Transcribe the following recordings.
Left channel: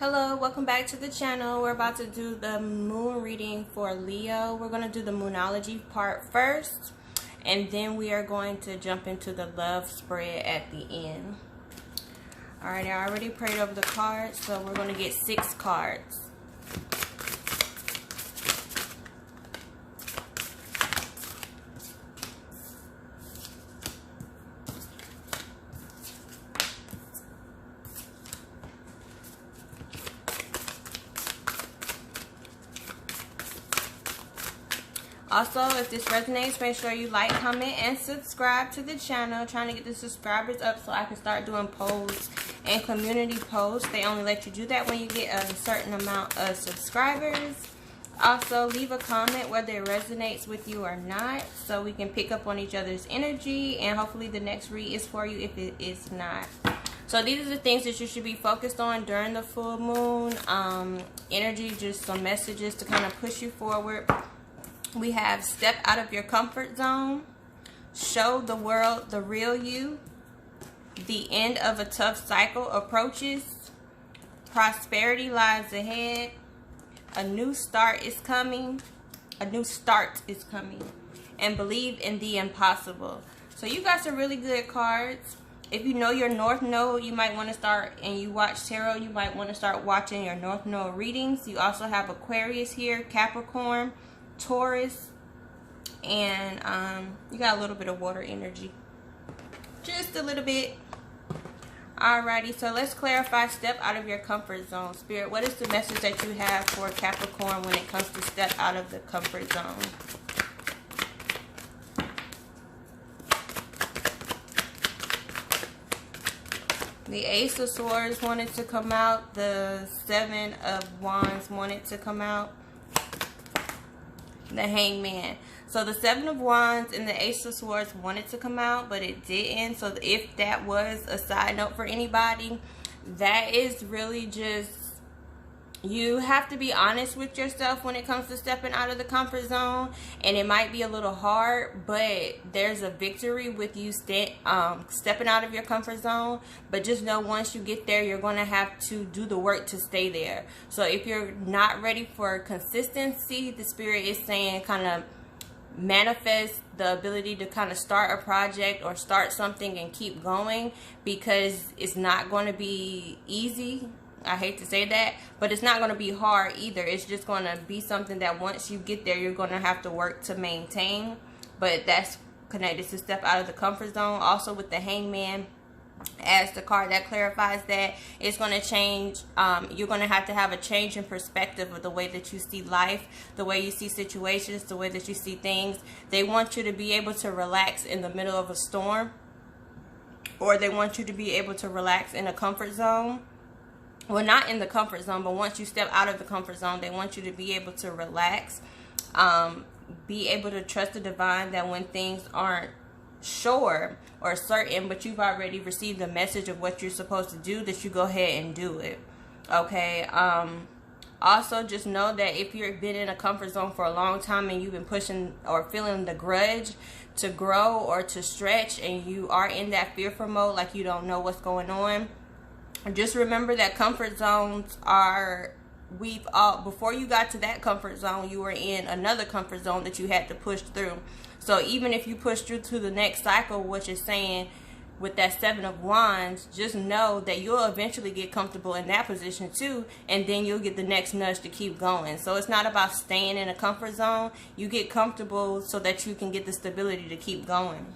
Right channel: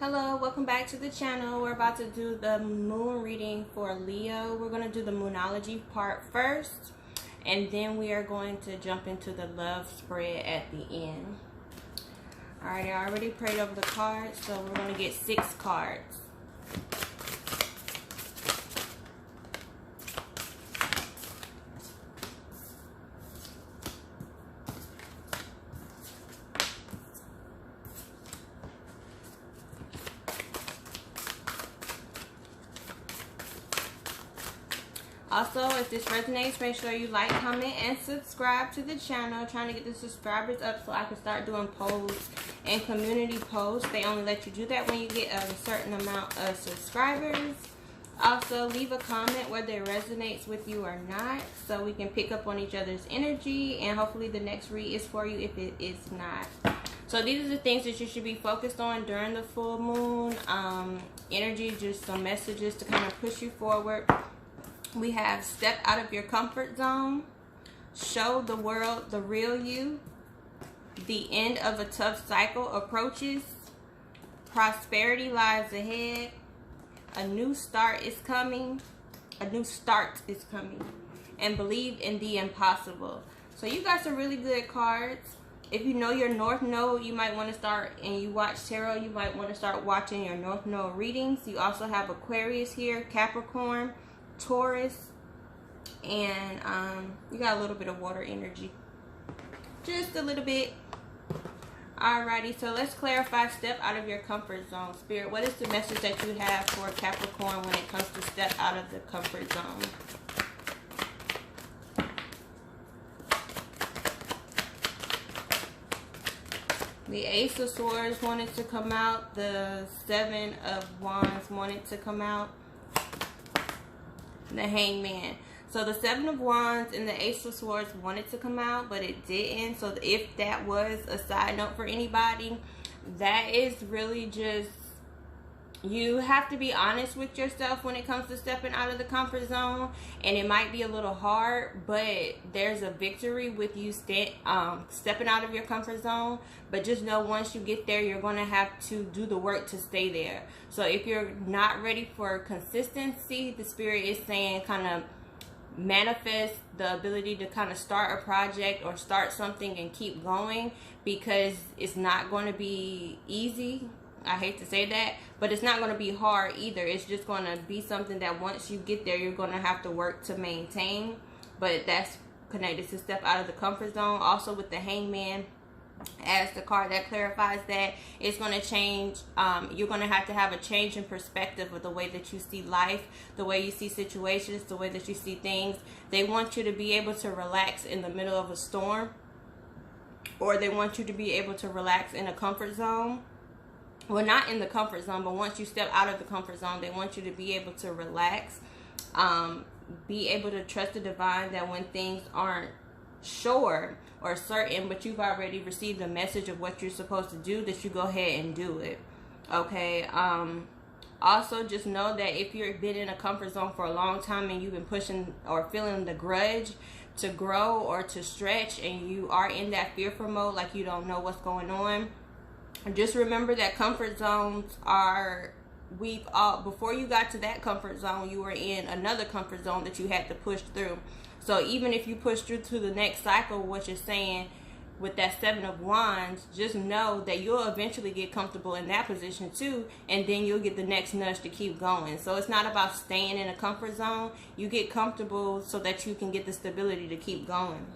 Hello, welcome back to the channel. We're about to do the moon reading for Leo. We're going to do the moonology part first, and then we are going to jump into the love spread at the end. Alright, I already prayed over the cards, so we're going to get 6 cards. Also, if this resonates, make sure you like, comment, and subscribe to the channel. Trying to get the subscribers up so I can start doing polls and community posts. They only let you do that when you get a certain amount of subscribers. Also, leave a comment whether it resonates with you or not, so we can pick up on each other's energy, and hopefully the next read is for you if it is not. So these are the things that you should be focused on during the full moon. Energy, just some messages to kind of push you forward. We have step out of your comfort zone, show the world the real you, the end of a tough cycle approaches, prosperity lies ahead, a new start is coming, and believe in the impossible. So you got some really good cards. If you know your North Node, you might want to start, and you watch tarot, you might want to start watching your North Node readings. You also have Aquarius here, Capricorn, Taurus, and you got a little bit of water energy, just a little bit. Alrighty, so let's clarify step out of your comfort zone. Spirit, what is the message that you have for Capricorn when it comes to step out of the comfort zone? The Ace of Swords wanted to come out. The Seven of Wands wanted to come out. The Hangman. So the Seven of Wands and the Ace of Swords wanted to come out, but it didn't. So if that was a side note for anybody, that is really just, you have to be honest with yourself when it comes to stepping out of the comfort zone. And it might be a little hard, but there's a victory with you stepping out of your comfort zone. But just know once you get there, you're going to have to do the work to stay there. So if you're not ready for consistency, the Spirit is saying kind of manifest the ability to kind of start a project or start something and keep going, because it's not going to be easy. I hate to say that, but it's not going to be hard either. It's just going to be something that once you get there, you're going to have to work to maintain. But that's connected to step out of the comfort zone. Also with the Hangman as the card, that clarifies that it's going to change. You're going to have a change in perspective of the way that you see life, the way you see situations, the way that you see things. They want you to be able to relax in the middle of a storm, or they want you to be able to relax in a comfort zone. Well, not in the comfort zone, but once you step out of the comfort zone, they want you to be able to relax, be able to trust the divine, that when things aren't sure or certain, but you've already received the message of what you're supposed to do, that you go ahead and do it. Okay. Also, just know that if you've been in a comfort zone for a long time and you've been pushing or feeling the grudge to grow or to stretch, and you are in that fearful mode, like you don't know what's going on, just remember that comfort zones are, before you got to that comfort zone, you were in another comfort zone that you had to push through. So even if you push through to the next cycle, what you're saying with that Seven of Wands, just know that you'll eventually get comfortable in that position too, and then you'll get the next nudge to keep going. So it's not about staying in a comfort zone. You get comfortable so that you can get the stability to keep going.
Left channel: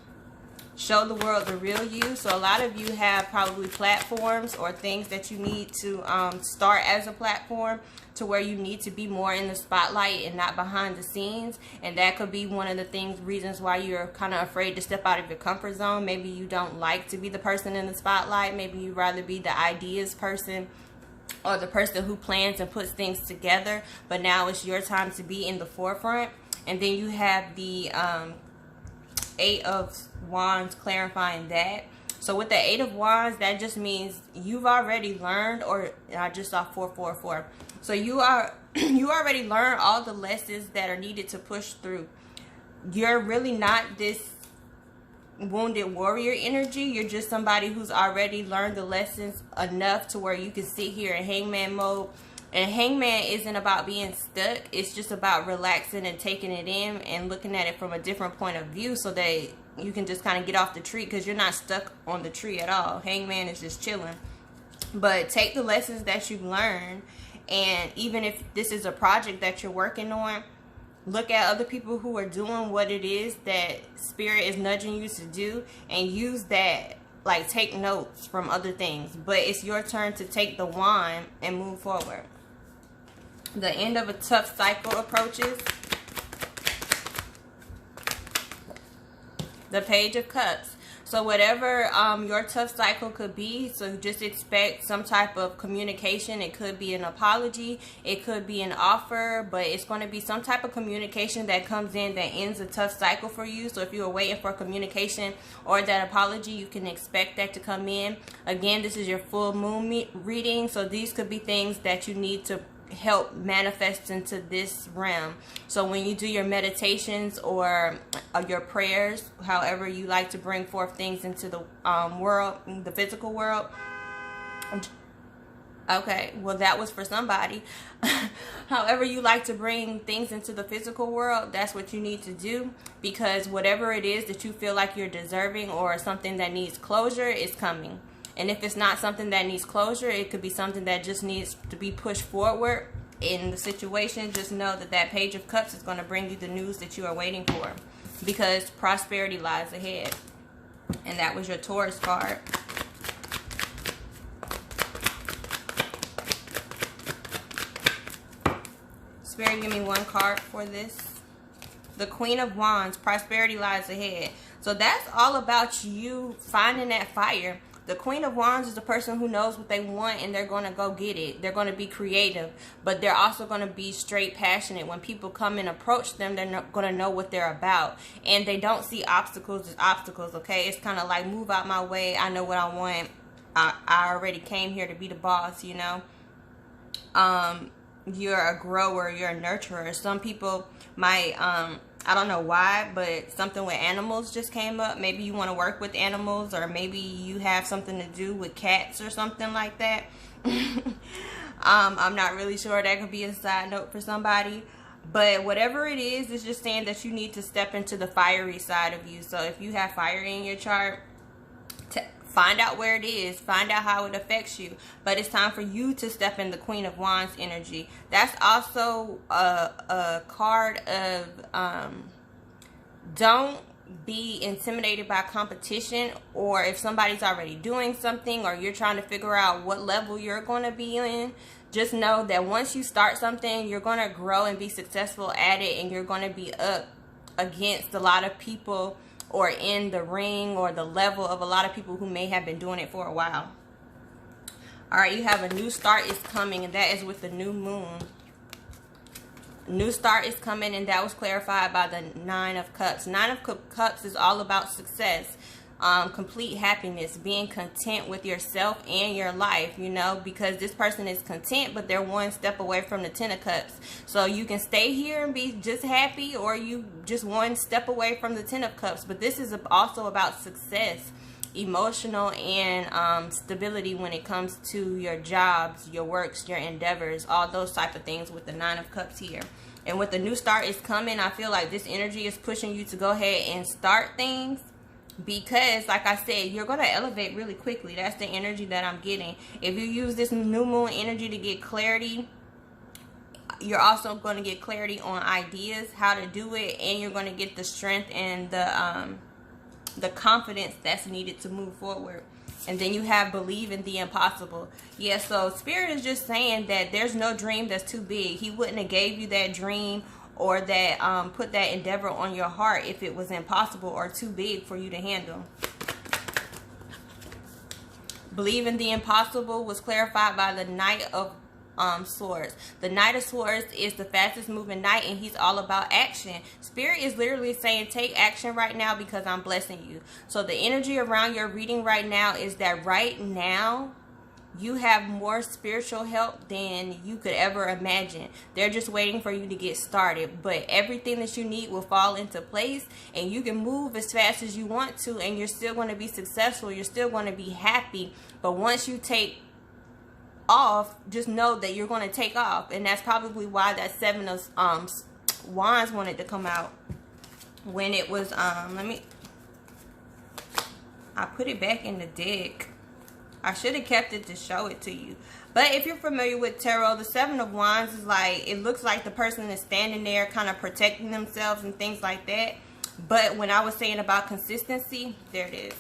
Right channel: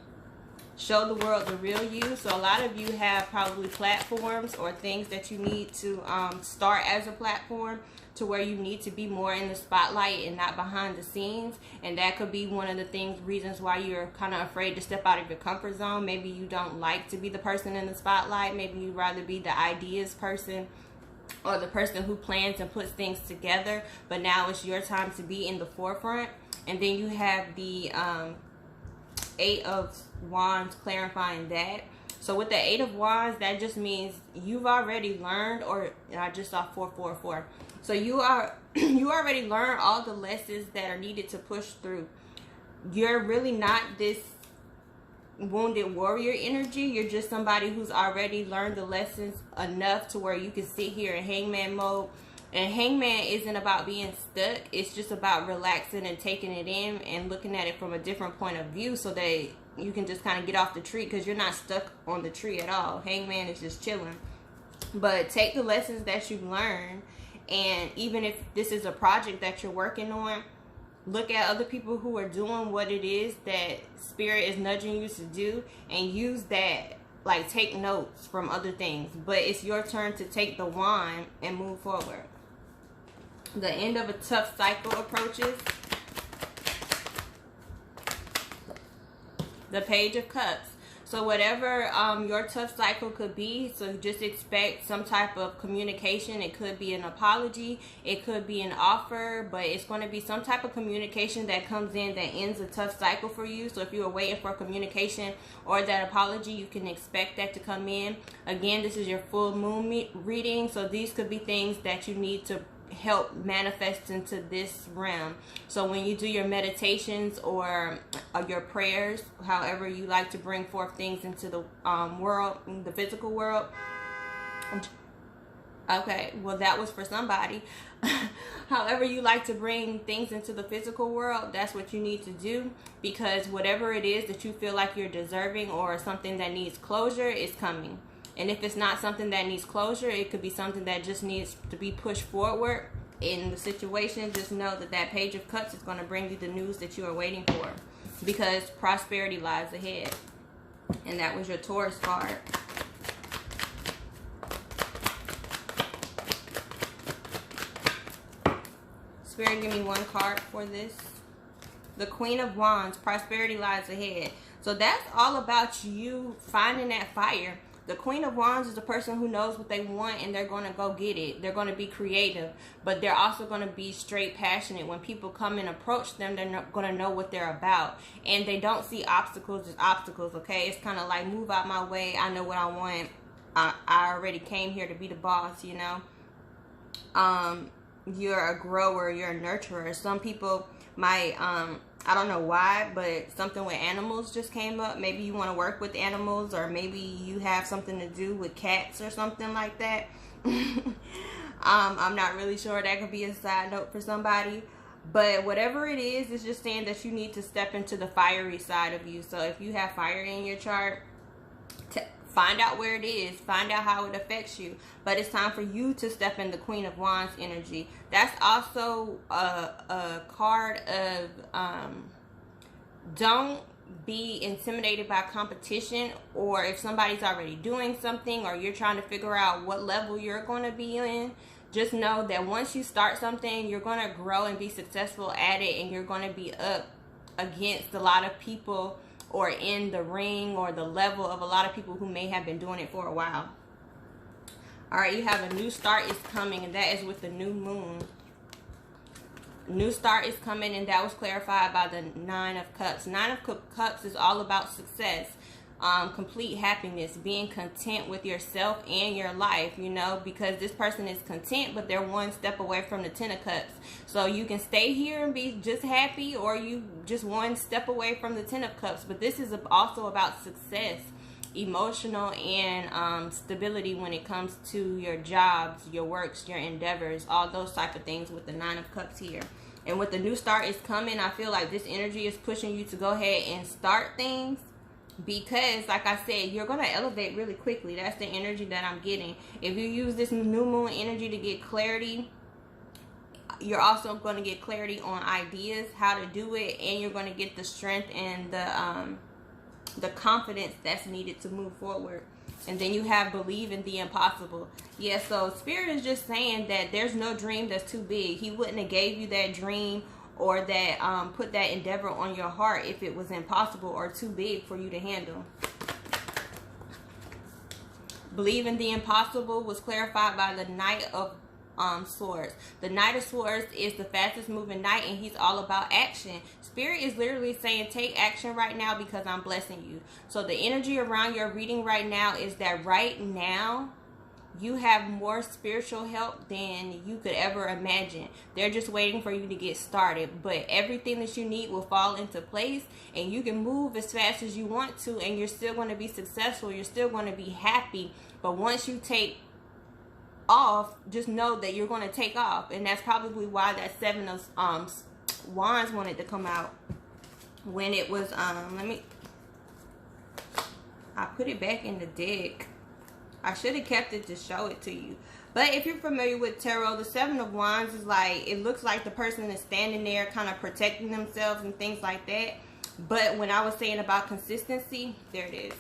Show the world the real you. So a lot of you have probably platforms or things that you need to start as a platform, to where you need to be more in the spotlight and not behind the scenes. And that could be one of the reasons why you're kind of afraid to step out of your comfort zone. Maybe you don't like to be the person in the spotlight. Maybe you'd rather be the ideas person, or the person who plans and puts things together. But now it's your time to be in the forefront. And then you have the Eight of Wands clarifying that. So with the Eight of Wands, that just means you've already learned, or I just saw 444. So you already learned all the lessons that are needed to push through. You're really not this wounded warrior energy. You're just somebody who's already learned the lessons enough to where you can sit here in hangman mode. And hangman isn't about being stuck. It's just about relaxing and taking it in and looking at it from a different point of view, so that you can just kind of get off the tree, because you're not stuck on the tree at all. Hangman is just chilling. But take the lessons that you've learned, and even if this is a project that you're working on, look at other people who are doing what it is that spirit is nudging you to do, and use that. Like, take notes from other things. But it's your turn to take the wand and move forward. The end of a tough cycle approaches. The Page of Cups. So whatever your tough cycle could be, so just expect some type of communication. It could be an apology, it could be an offer, but it's going to be some type of communication that comes in that ends a tough cycle for you. So if you were waiting for communication or that apology, you can expect that to come in. Again, this is your full moon reading, so these could be things that you need to help manifest into this realm. So when you do your meditations or your prayers, however you like to bring forth things into the world, the physical world. Okay, well, that was for somebody. However you like to bring things into the physical world, that's what you need to do, because whatever it is that you feel like you're deserving or something that needs closure is coming. And if it's not something that needs closure, it could be something that just needs to be pushed forward in the situation. Just know that that Page of Cups is going to bring you the news that you are waiting for, because prosperity lies ahead. And that was your Taurus card. Spirit, give me one card for this. The Queen of Wands, prosperity lies ahead. So that's all about you finding that fire. The Queen of Wands is the person who knows what they want, and they're going to go get it. They're going to be creative, but they're also going to be straight passionate. When people come and approach them, they're not going to know what they're about. And they don't see obstacles as obstacles, okay? It's kind of like, move out my way. I know what I want. I already came here to be the boss, you know? You're a grower. You're a nurturer. Some people might... I don't know why, but something with animals just came up. Maybe you want to work with animals, or maybe you have something to do with cats or something like that. I'm not really sure. That could be a side note for somebody. But whatever it is, it's just saying that you need to step into the fiery side of you. So if you have fire in your chart, find out where it is. Find out how it affects you. But it's time for you to step in the Queen of Wands energy. That's also a card of don't be intimidated by competition, or if somebody's already doing something or you're trying to figure out what level you're going to be in. Just know that once you start something, you're going to grow and be successful at it, and you're going to be up against a lot of people, or in the ring or the level of a lot of people who may have been doing it for a while. All right, you have a new start is coming, and that is with the new moon. New start is coming, and that was clarified by the Nine of Cups. Nine of Cups is all about success, complete happiness, being content with yourself and your life, you know, because this person is content, but they're one step away from the Ten of Cups. So you can stay here and be just happy, or you just one step away from the Ten of Cups. But this is also about success, emotional, and stability when it comes to your jobs, your works, your endeavors, all those type of things with the Nine of Cups here. And with the new start is coming, I feel like this energy is pushing you to go ahead and start things, because like I said, you're going to elevate really quickly. That's the energy that I'm getting. If you use this new moon energy to get clarity, you're also going to get clarity on ideas, how to do it, and you're going to get the strength and the confidence that's needed to move forward. And then you have believe in the impossible. Yeah, so Spirit is just saying that there's no dream that's too big. He wouldn't have gave you that dream or that put that endeavor on your heart if it was impossible or too big for you to handle. Believe in the impossible was clarified by the Knight of Swords. The Knight of Swords is the fastest moving knight, and he's all about action. Spirit is literally saying take action right now, because I'm blessing you. So the energy around your reading right now is that right now you have more spiritual help than you could ever imagine. They're just waiting for you to get started. But everything that you need will fall into place, and you can move as fast as you want to, and you're still going to be successful. You're still going to be happy. But once you take off, just know that you're going to take off. And that's probably why that Seven of Wands wanted to come out when it was I put it back in the deck. I should have kept it to show it to you. But if you're familiar with tarot, the Seven of Wands is like, it looks like the person is standing there kind of protecting themselves and things like that. But when I was saying about consistency, there it is.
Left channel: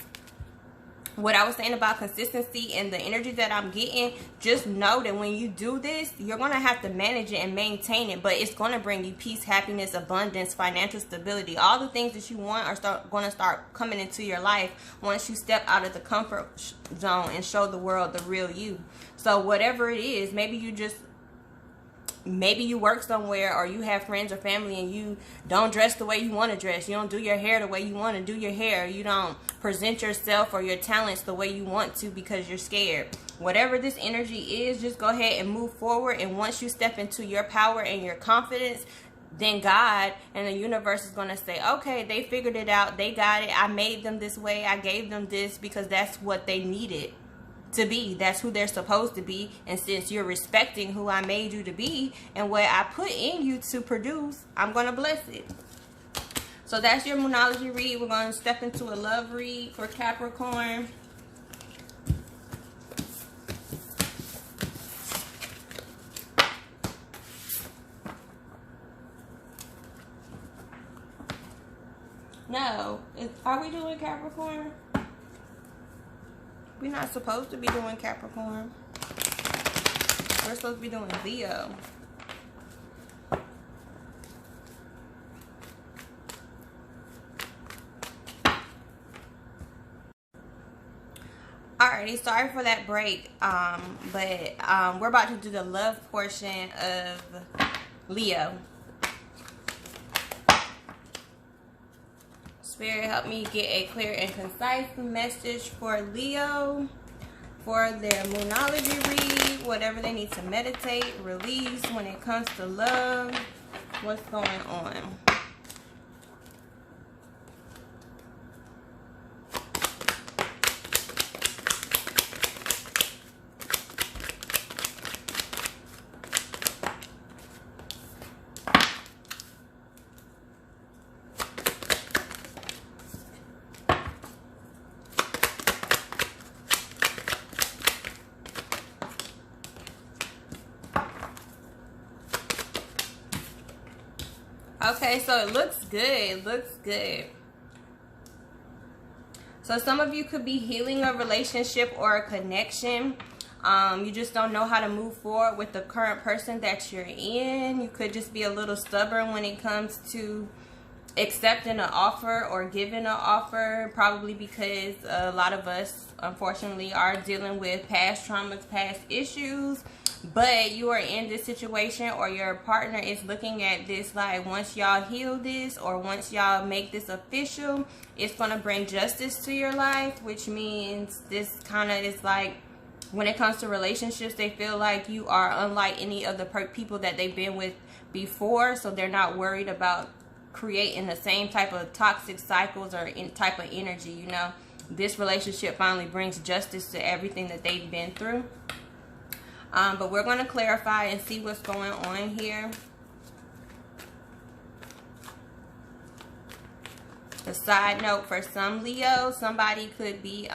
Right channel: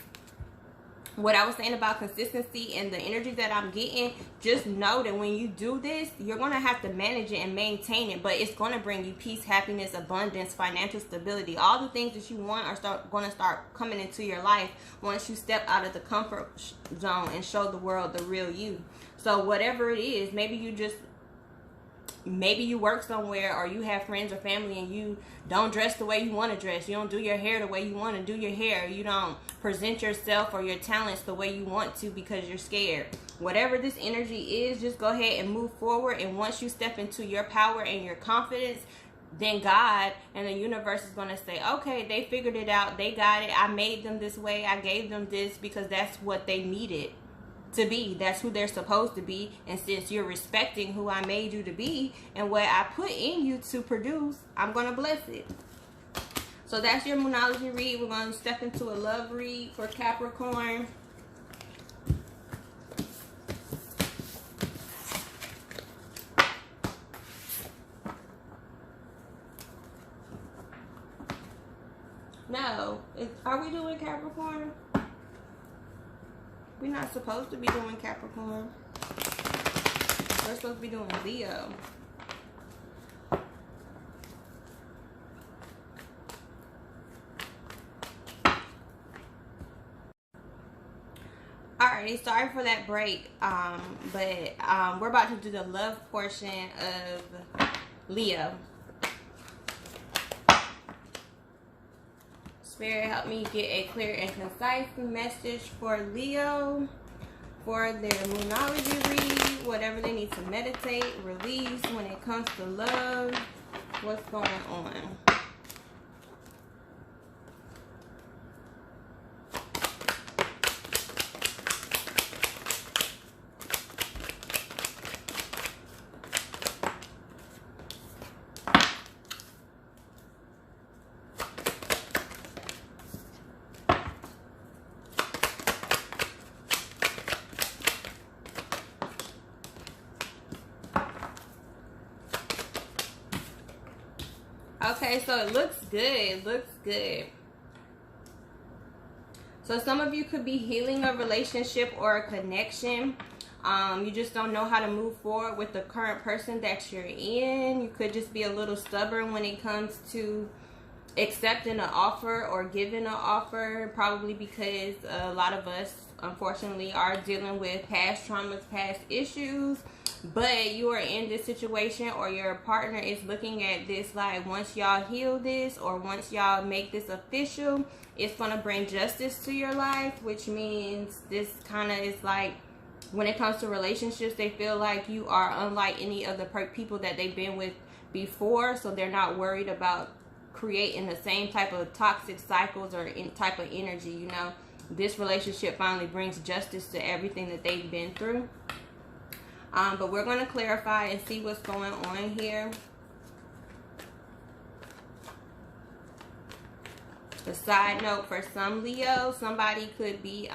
What I was saying about consistency and the energy that I'm getting, just know that when you do this, you're going to have to manage it and maintain it. But it's going to bring you peace, happiness, abundance, financial stability. All the things that you want are going to start coming into your life once you step out of the comfort zone and show the world the real you. So whatever it is, maybe you work somewhere, or you have friends or family and you don't dress the way you want to dress. You don't do your hair the way you want to do your hair. You don't present yourself or your talents the way you want to because you're scared. Whatever this energy is, just go ahead and move forward. And once you step into your power and your confidence, then God and the universe is going to say, okay, they figured it out. They got it. I made them this way. I gave them this because that's what they needed to be. That's who they're supposed to be. And since you're respecting who I made you to be and what I put in you to produce, I'm going to bless it. So that's your Moonology read. We're going to step into a love read for Capricorn. No, are we doing Capricorn? We're not supposed to be doing Capricorn. We're supposed to be doing Leo. Alrighty, sorry for that break. But we're about to do the love portion of Leo. Spirit, help me get a clear and concise message for Leo for their Moonology read, whatever they need to meditate, release when it comes to love. What's going on? Okay, so it looks good. It looks good. So some of you could be healing a relationship or a connection. You just don't know how to move forward with the current person that you're in. You could just be a little stubborn when it comes to accepting an offer or giving an offer, probably because a lot of us, unfortunately, are dealing with past traumas, past issues. But you are in this situation, or your partner is looking at this like, once y'all heal this, or once y'all make this official, it's going to bring justice to your life, which means this kind of is like, when it comes to relationships, they feel like you are unlike any of the people that they've been with before, so they're not worried about creating the same type of toxic cycles or type of energy, you know. This relationship finally brings justice to everything that they've been through. But we're going to clarify and see what's going on here. A side note for some Leo, somebody could be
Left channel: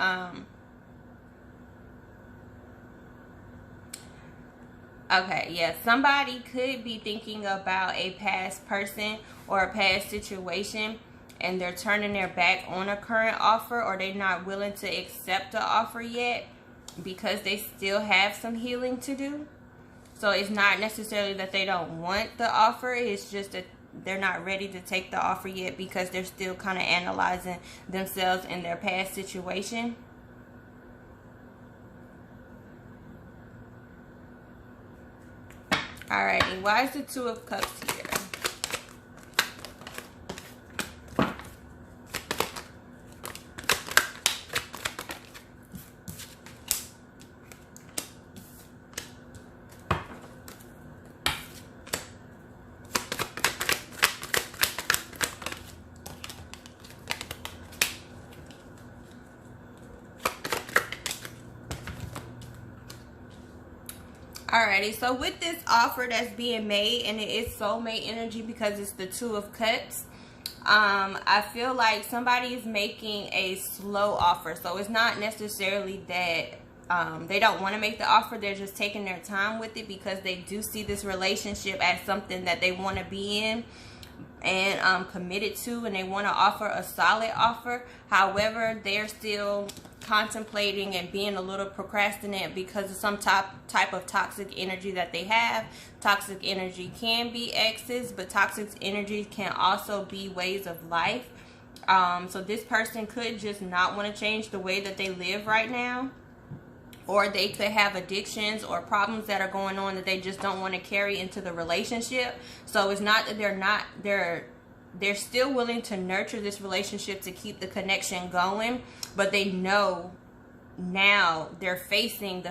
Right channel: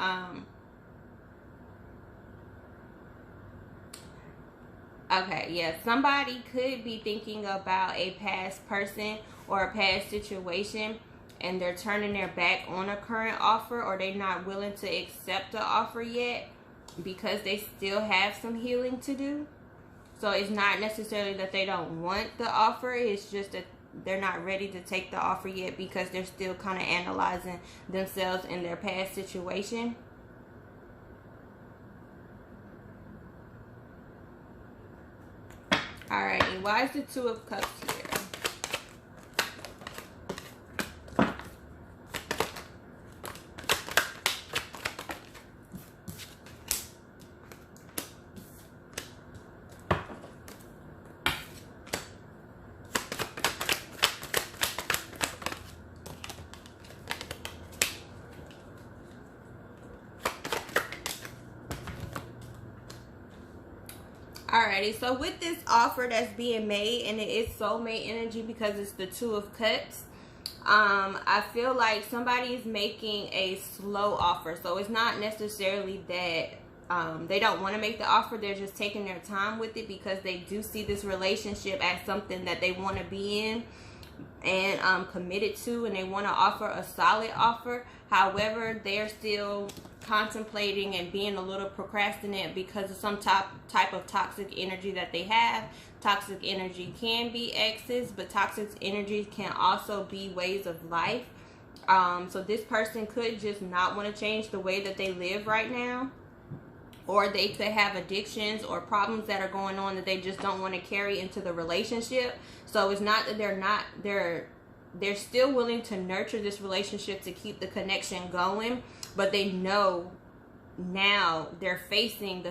somebody could be thinking about a past person or a past situation, and they're turning their back on a current offer, or they're not willing to accept the offer yet because they still have some healing to do. So it's not necessarily that they don't want the offer, it's just that they're not ready to take the offer yet because they're still kind of analyzing themselves in their past situation. Alrighty, why is the Two of Cups here? Alrighty, so with this offer that's being made, and it is soulmate energy because it's the Two of Cups, I feel like somebody is making a slow offer. So it's not necessarily that they don't want to make the offer. They're just taking their time with it because they do see this relationship as something that they want to be in and committed to, and they want to offer a solid offer. However, they're still contemplating and being a little procrastinate because of some type of toxic energy that they have. Toxic energy can be exes, but toxic energy can also be ways of life. So this person could just not want to change the way that they live right now, or they could have addictions or problems that are going on that they just don't want to carry into the relationship. So it's not that they're still willing to nurture this relationship to keep the connection going, but they know now they're facing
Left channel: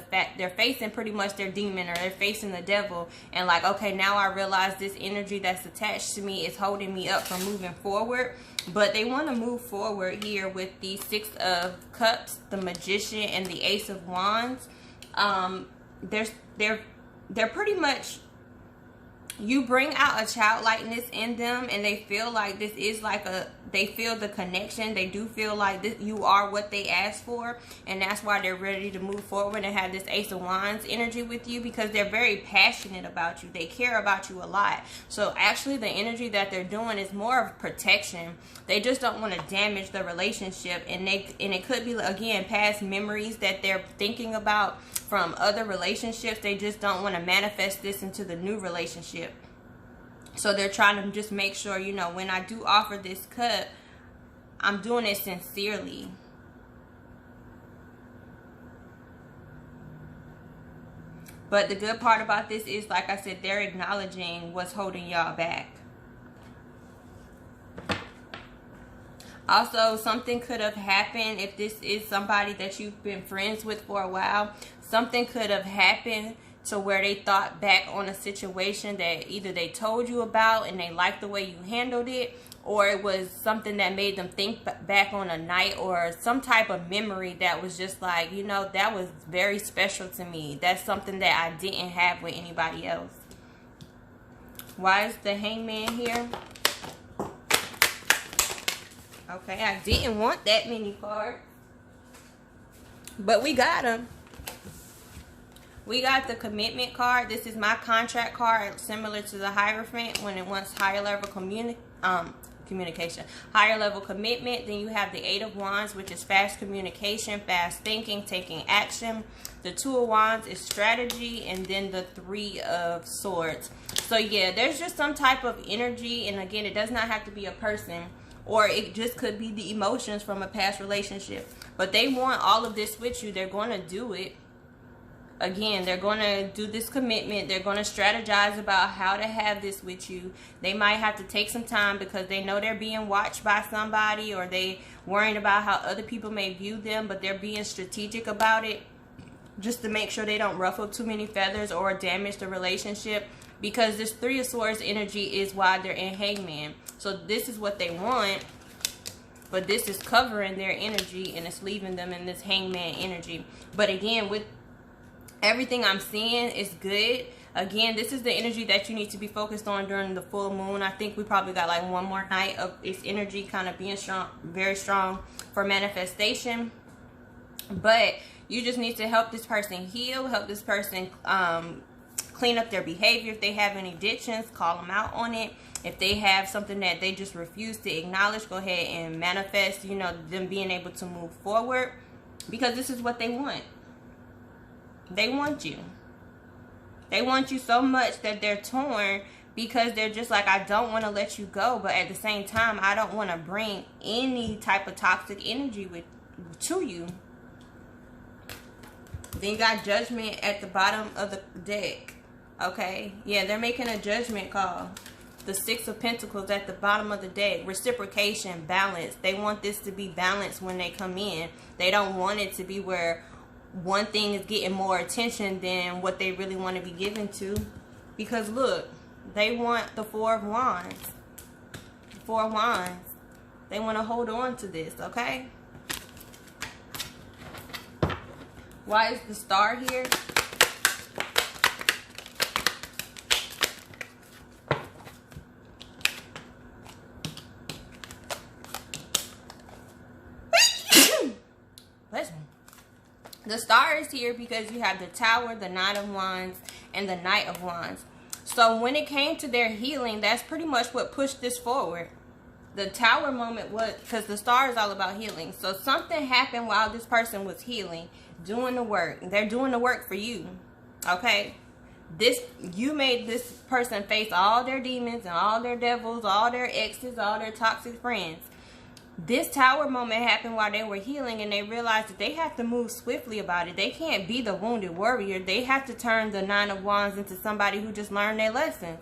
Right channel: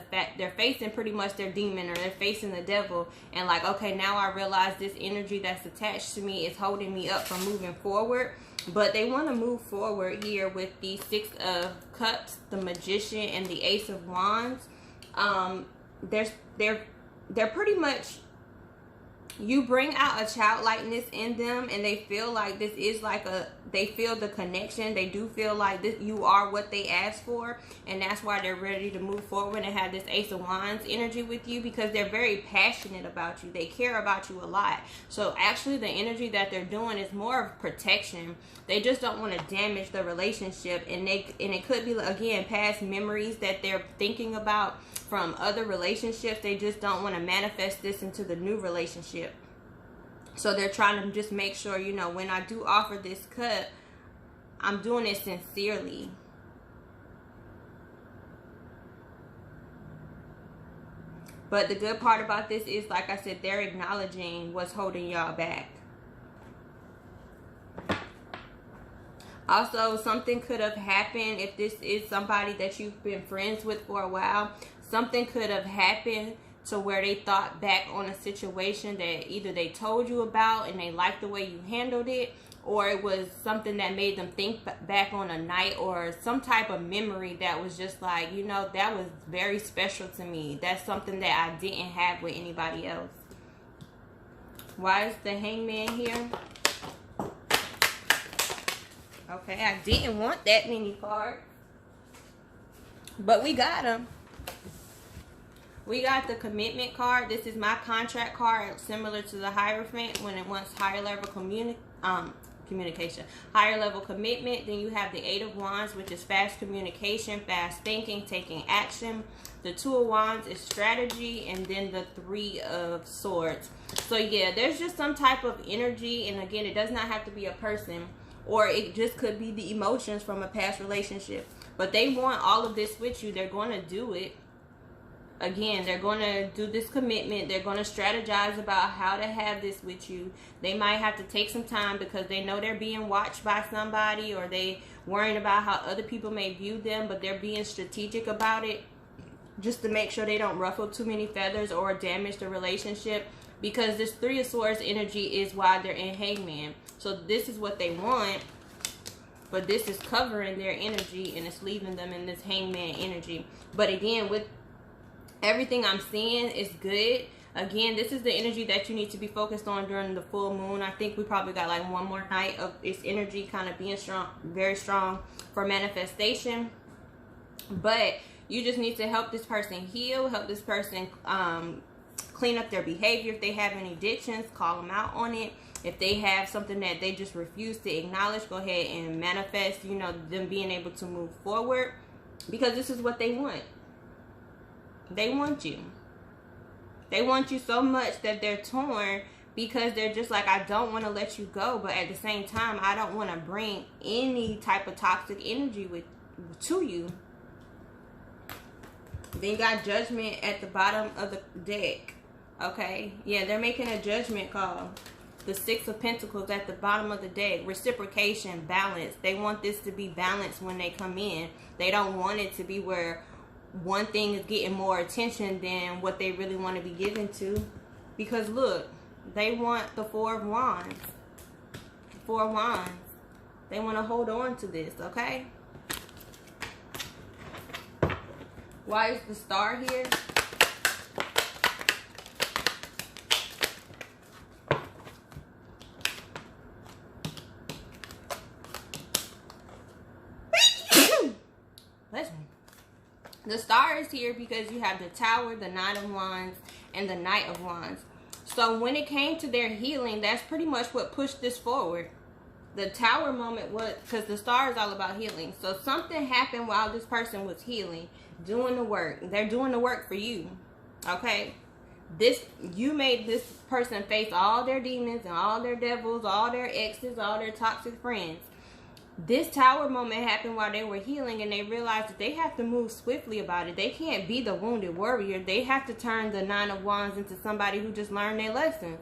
pretty much their demon, or they're facing the devil, and like, okay, now I realize this energy that's attached to me is holding me up from moving forward. But they want to move forward here with the Six of Cups, the Magician, and the Ace of Wands. They're pretty much, you bring out a childlikeness in them, and they feel like this is like they feel the connection. They do feel like this, you are what they asked for, and that's why they're ready to move forward and have this Ace of Wands energy with you, because they're very passionate about you. They care about you a lot. So actually the energy that they're doing is more of protection. They just don't want to damage the relationship, and it could be, again, past memories that they're thinking about from other relationships. They just don't want to manifest this into the new relationship. So they're trying to just make sure, you know, when I do offer this cut, I'm doing it sincerely. But the good part about this is, like I said, they're acknowledging what's holding y'all back. Also, something could have happened if this is somebody that you've been friends with for a while. Something could have happened to where they thought back on a situation that either they told you about and they liked the way you handled it, or it was something that made them think back on a night or some type of memory that was just like, you know, that was very special to me. That's something that I didn't have with anybody else. Why is the Hangman here? Okay, I didn't want that many cards, but we got them. We got the Commitment card. This is my contract card, similar to the Hierophant when it wants higher level communication, higher level commitment. Then you have the Eight of Wands, which is fast communication, fast thinking, taking action. The Two of Wands is strategy, and then the Three of Swords. So yeah, there's just some type of energy, and again, it does not have to be a person, or it just could be the emotions from a past relationship. But they want all of this with you. They're going to do it. Again, they're going to do this commitment. They're going to strategize about how to have this with you. They might have to take some time because they know they're being watched by somebody, or they worrying about how other people may view them, but they're being strategic about it just to make sure they don't ruffle too many feathers or damage the relationship, because this Three of Swords energy is why they're in Hangman. So this is what they want, but this is covering their energy and it's leaving them in this Hangman energy. But again, with everything I'm seeing is good. Again, this is the energy that you need to be focused on during the full moon. I think we probably got like one more night of its energy kind of being strong, very strong for manifestation. But you just need to help this person heal, help this person clean up their behavior. If they have any addictions, call them out on it. If they have something that they just refuse to acknowledge, go ahead and manifest, you know, them being able to move forward, because this is what they want. They want you. They want you so much that they're torn, because they're just like, I don't want to let you go, but at the same time, I don't want to bring any type of toxic energy to you. Then you got Judgment at the bottom of the deck. Okay, yeah, they're making a judgment call. The Six of Pentacles at the bottom of the deck. Reciprocation, balance. They want this to be balanced when they come in. They don't want it to be where one thing is getting more attention than what they really want to be given to. Because look, they want the Four of Wands. The Four of Wands. They want to hold on to this, okay? Why is the Star here? The Star is here because you have the Tower, the Nine of Wands, and the Knight of Wands. So when it came to their healing, that's pretty much what pushed this forward. The Tower moment was, because the Star is all about healing. So something happened while this person was healing, doing the work. They're doing the work for you. Okay? You made this person face all their demons and all their devils, all their exes, all their toxic friends. This Tower moment happened while they were healing, and they realized that they have to move swiftly about it. They can't be the wounded warrior. They have to turn the Nine of Wands into somebody who just learned their lessons.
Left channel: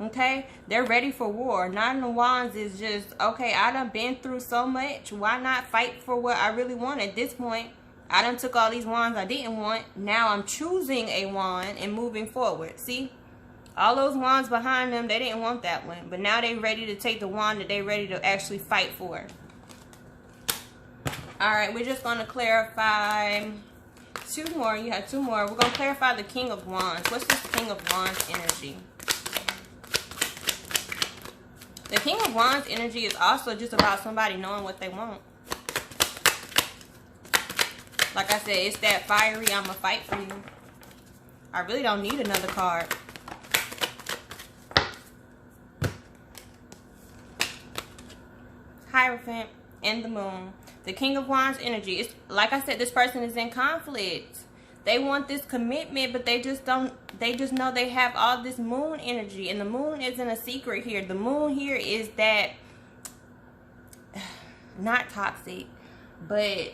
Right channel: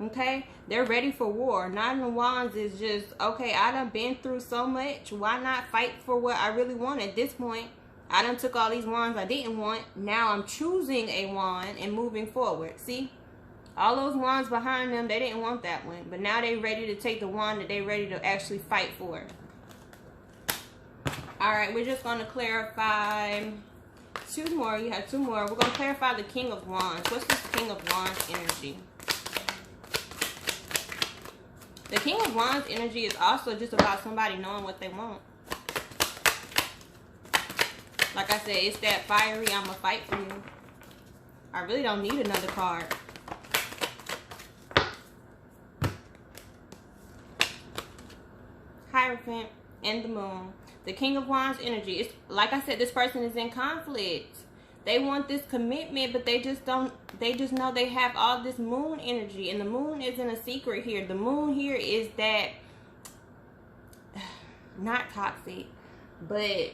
Okay? They're ready for war. Nine of Wands is just, okay, I done been through so much. Why not fight for what I really want at this point? I done took all these wands I didn't want. Now I'm choosing a wand and moving forward. See? All those wands behind them, they didn't want that one. But now they ready to take the wand that they ready to actually fight for. Alright, we're just going to clarify two more. You have two more. We're going to clarify the King of Wands. What's this King of Wands energy? The King of Wands energy is also just about somebody knowing what they want. Like I said, it's that fiery, I'm going to fight for you. I really don't need another card. Hierophant and the Moon. The King of Wands energy. It's like I said, this person is in conflict. They want this commitment, but they just know they have all this Moon energy. And the Moon isn't a secret here. The Moon here is that, not toxic, but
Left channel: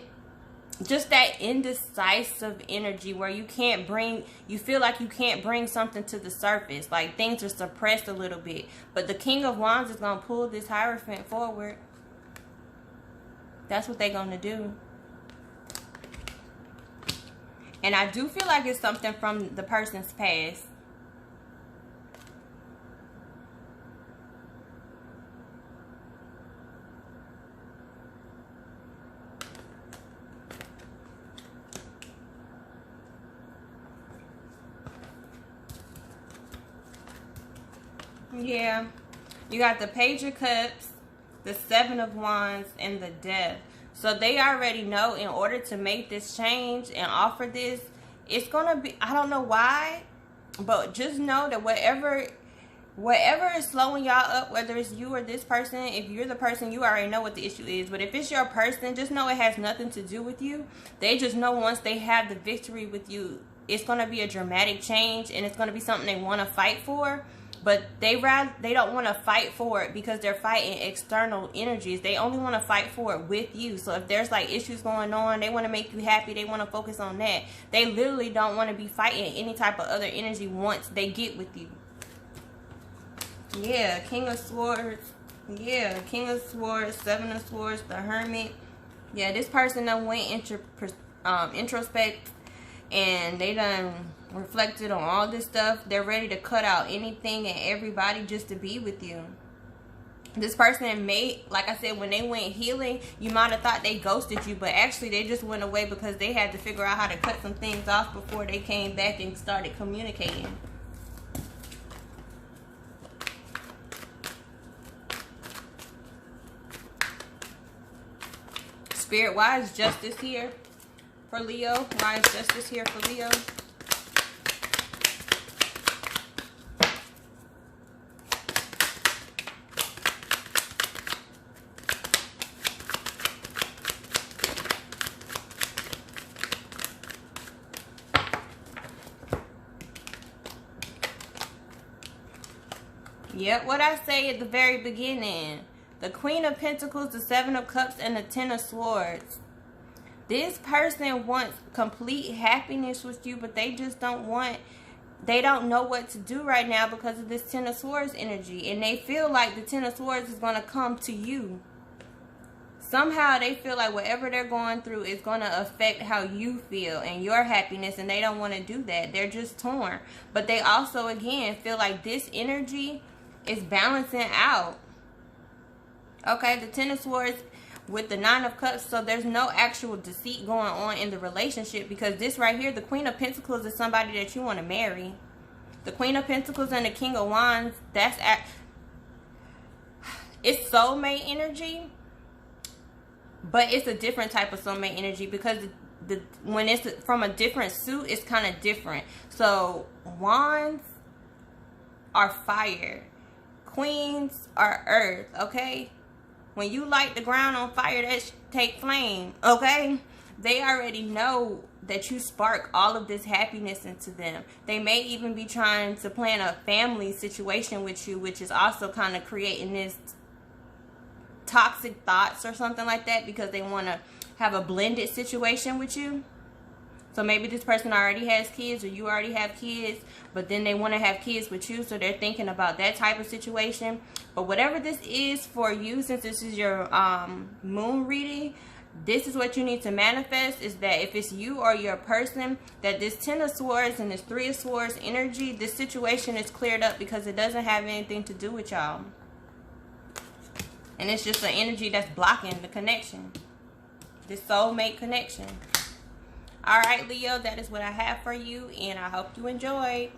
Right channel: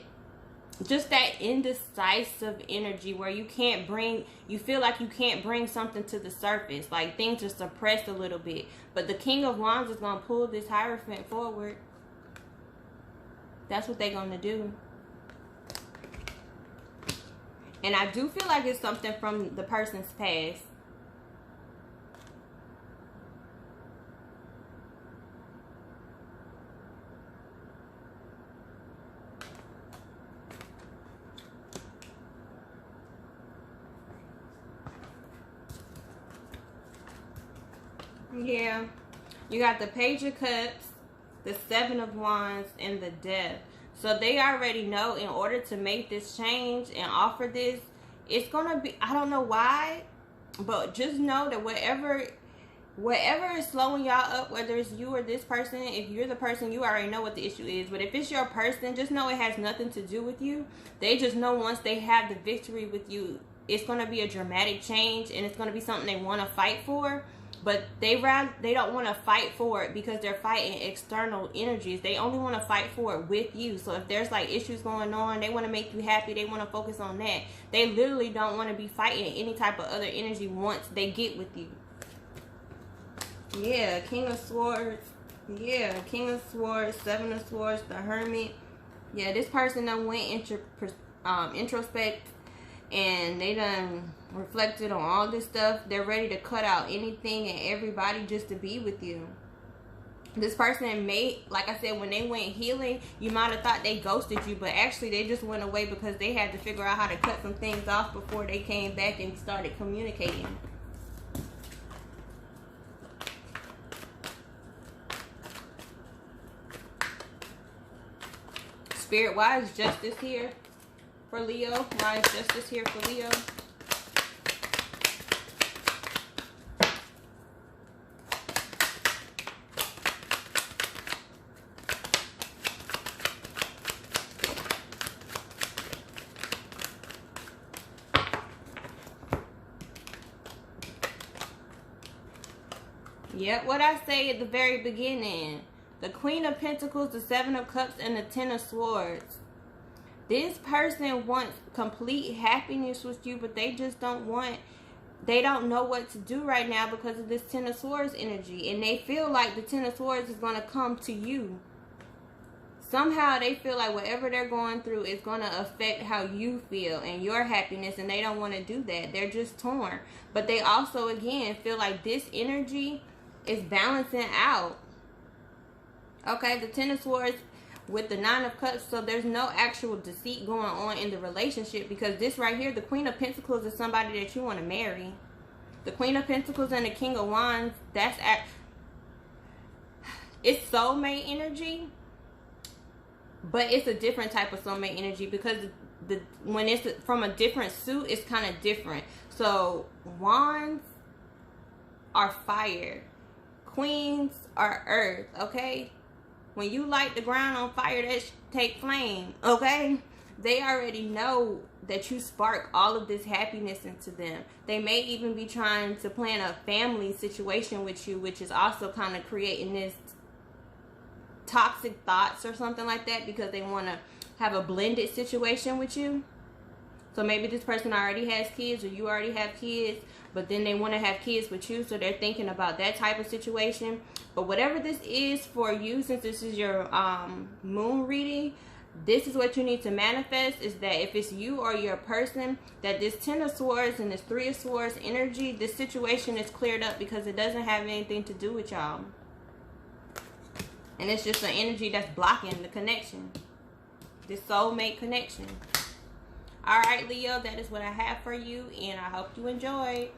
just that indecisive energy where you feel like you can't bring something to the surface. Like things are suppressed a little bit. But the King of Wands is going to pull this Hierophant forward. That's what they're going to do. And I do feel like it's something from the person's past. Yeah. You got the Page of Cups, the Seven of Wands, and the Death. So they already know in order to make this change and offer this, it's going to be, I don't know why, but just know that whatever is slowing y'all up, whether it's you or this person, if you're the person, you already know what the issue is. But if it's your person, just know it has nothing to do with you. They just know once they have the victory with you, it's going to be a dramatic change and it's going to be something they want to fight for. But they don't want to fight for it because they're fighting external energies. They only want to fight for it with you. So if there's like issues going on, they want to make you happy. They want to focus on that. They literally don't want to be fighting any type of other energy once they get with you. Yeah, King of Swords. Yeah, King of Swords, Seven of Swords, the Hermit. Yeah, this person done went introspect. And they done reflected on all this stuff. They're ready to cut out anything and everybody just to be with you. This person may, like I said, when they went healing, you might have thought they ghosted you. But actually, they just went away because they had to figure out how to cut some things off before they came back and started communicating. Spirit, why is justice here? For Leo, why is justice here for Leo? Yep, what I say at the very beginning. The Queen of Pentacles, the Seven of Cups, and the Ten of Swords. This person wants complete happiness with you, but they just don't know what to do right now because of this Ten of Swords energy. And they feel like the Ten of Swords is going to come to you. Somehow they feel like whatever they're going through is going to affect how you feel and your happiness, and they don't want to do that. They're just torn. But they also, again, feel like this energy is balancing out. Okay, the Ten of Swords with the Nine of Cups, so there's no actual deceit going on in the relationship, because this right here, the Queen of Pentacles, is somebody that you want to marry. The Queen of Pentacles and the King of Wands, it's soulmate energy, but it's a different type of soulmate energy, because when it's from a different suit, it's kind of different. So wands are fire, queens are earth. Okay, when you light the ground on fire, that take flame. Okay, they already know that you spark all of this happiness into them. They may even be trying to plan a family situation with you, which is also kind of creating this toxic thoughts or something like that, because they want to have a blended situation with you. So maybe this person already has kids, or you already have kids, but then they want to have kids with you, so they're thinking about that type of situation. But whatever this is for you, since this is your moon reading, this is what you need to manifest, is that if it's you or your person, that this 10 of Swords and this 3 of Swords energy, this situation is cleared up because it doesn't have anything to do with y'all. And it's just an energy that's blocking the connection. This soulmate connection. Alright, Leo, that is what I have for you, and I hope you enjoyed.